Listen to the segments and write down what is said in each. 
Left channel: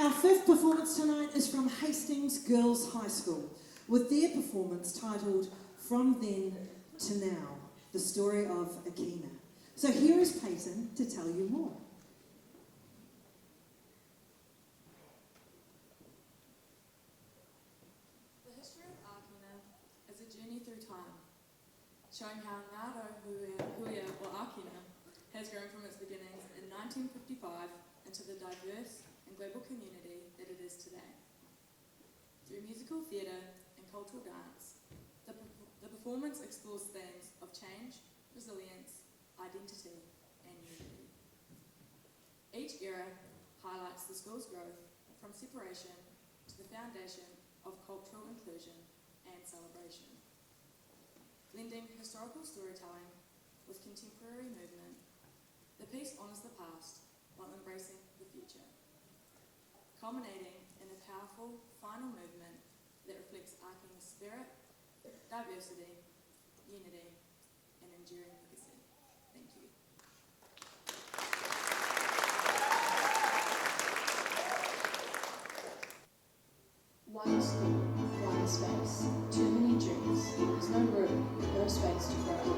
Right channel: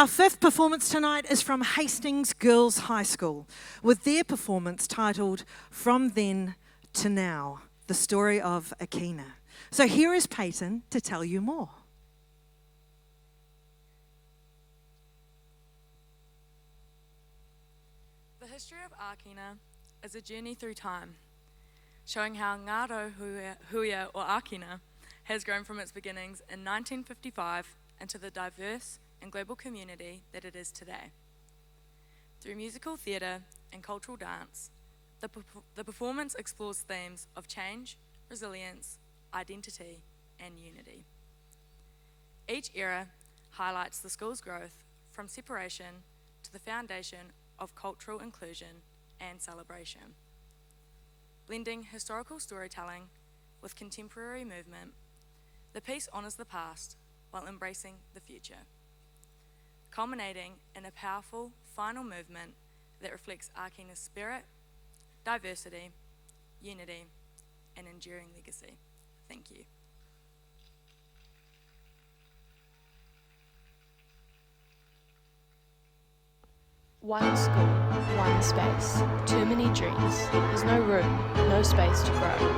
Our fifth performance tonight is from Hastings Girls High School, with their performance titled From Then to Now, the story of Akina. So here is Peyton to tell you more. The history of Akina is a journey through time, showing how Ngaro Huia or Akina has grown from its beginnings in 1955 into the diverse and global community that it is today. Through musical theatre and cultural dance, the performance explores themes of change, resilience, identity, and unity. Each era highlights the school's growth from separation to the foundation of cultural inclusion and celebration. Blending historical storytelling with contemporary movement, the piece honours the past while embracing the future, culminating in a powerful final movement that reflects Akina's spirit, diversity, unity, and enduring legacy. Thank you. One school, one space, too many dreams. There's no room, no space to grow.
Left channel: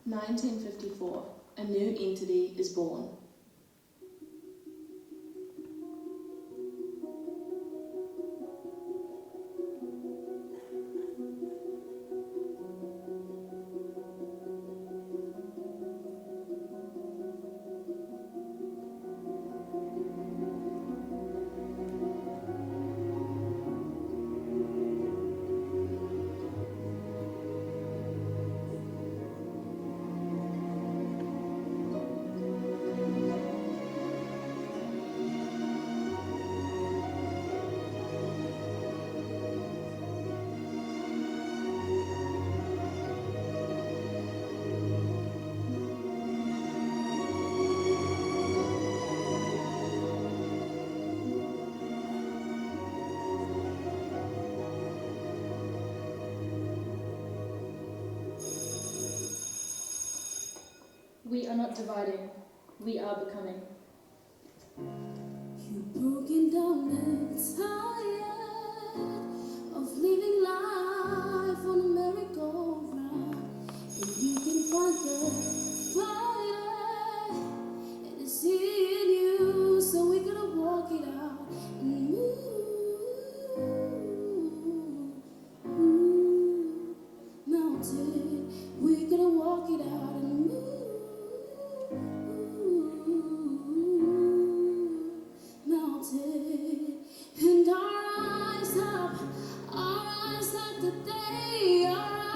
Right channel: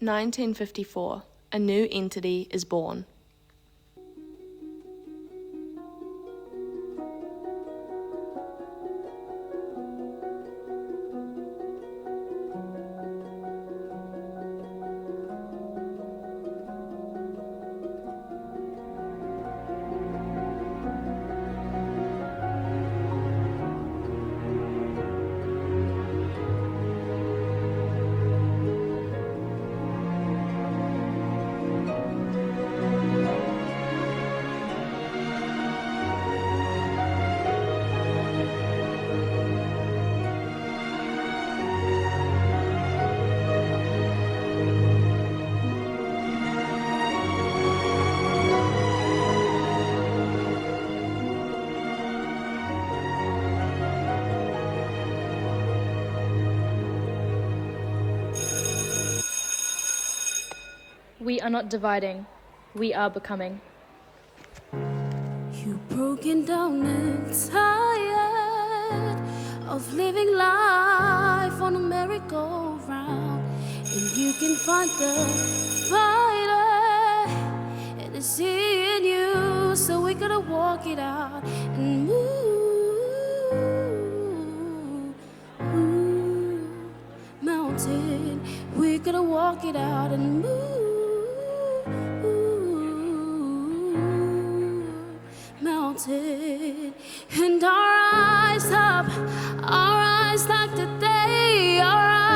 1954, a new entity is born. We are not dividing, we are becoming. You've broken down and tired of living life on a merry-go-round, and you can find the fire, and it's in you, so we gotta walk it out and move mountain. We're gonna walk it out and move mountain, and our eyes up like the day, our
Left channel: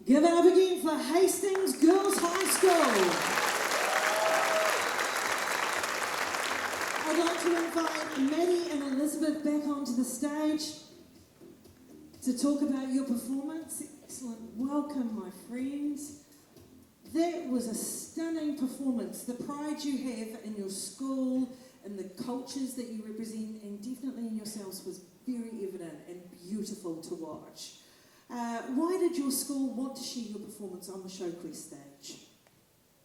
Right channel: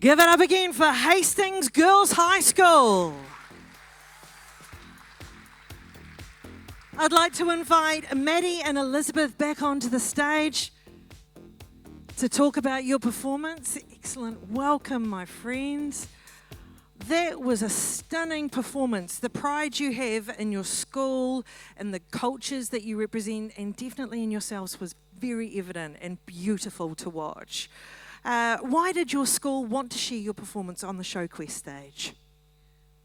Give it up again for Hastings Girls High School. I'd like to invite Maddie and Elizabeth back onto the stage to talk about your performance. Excellent. Welcome, my friends. That was a stunning performance. The pride you have in your school and the cultures that you represent, and definitely in yourselves, was very evident and beautiful to watch. Why did your school want to share your performance on the Showquest stage?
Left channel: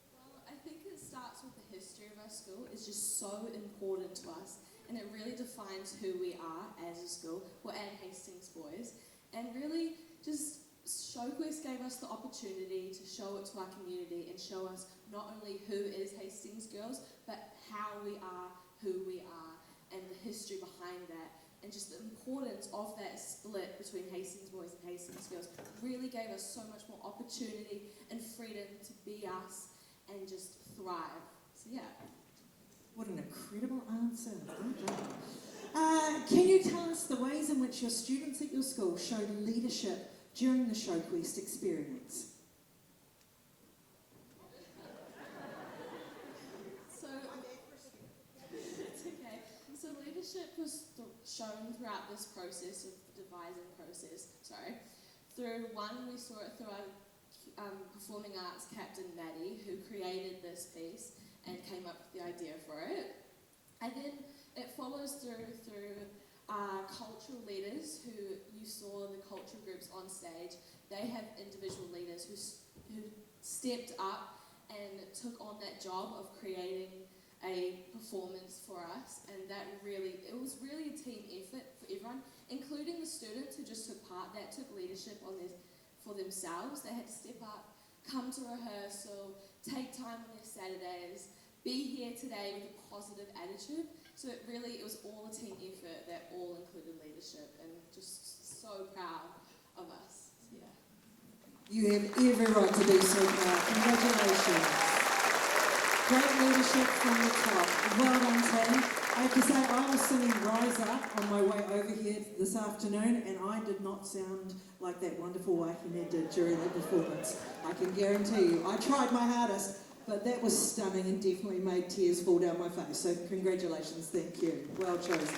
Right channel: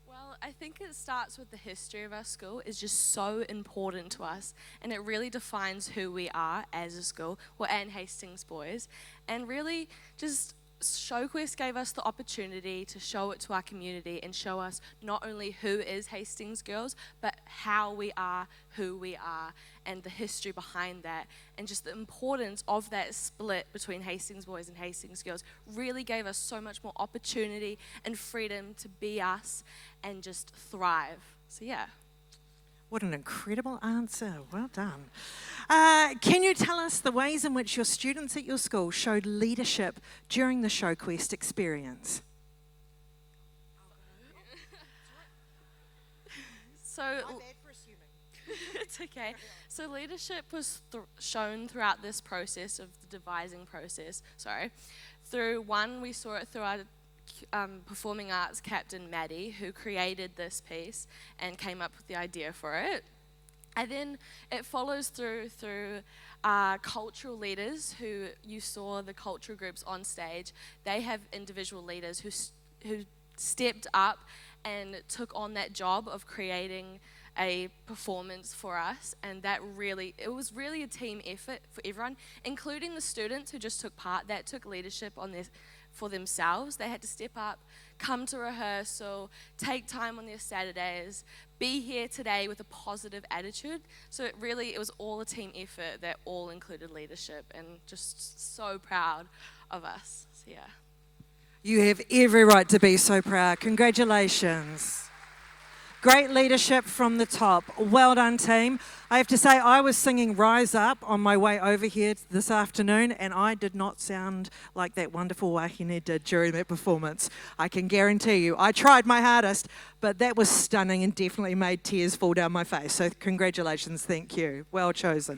Well, I think it starts with the history of our school. It's just so important to us, and it really defines who we are as a school, and Hastings boys. And really, just Showquest gave us the opportunity to show it to our community and show us not only who is Hastings girls, but how we are, who we are, and the history behind that. And just the importance of that split between Hastings boys and Hastings girls really gave us so much more opportunity and freedom to be us and just thrive. So yeah. What an incredible answer. Well done. Can you tell us the ways in which your students at your school showed leadership during the Showquest experience? So, it's okay. So leadership was shown throughout this process of the devising process. Through one, we saw it through our performing arts captain Maddie, who created this piece and came up with the idea for it. And then it follows through cultural leaders who you saw the cultural groups on stage. They have individual leaders who stepped up and took on that job of creating a performance for us, and it was really a team effort for everyone, including the students who just took part, that took leadership on this for themselves. They had to step up, come to rehearsal, take time on their Saturdays, be here today with a positive attitude. So it was all a team effort that all included leadership, and just so proud of us. So yeah. You have every right to be so proud. Congratulations. Great leadership from the top. Well done, team. I have to say, I was singing Rise Up on my way over here this afternoon, and I did not sound like that wonderful Akina did during that performance. I can guarantee you. I tried my hardest, but that was stunning and definitely made tears fall down my face. So congratulations, thank you. Well chosen.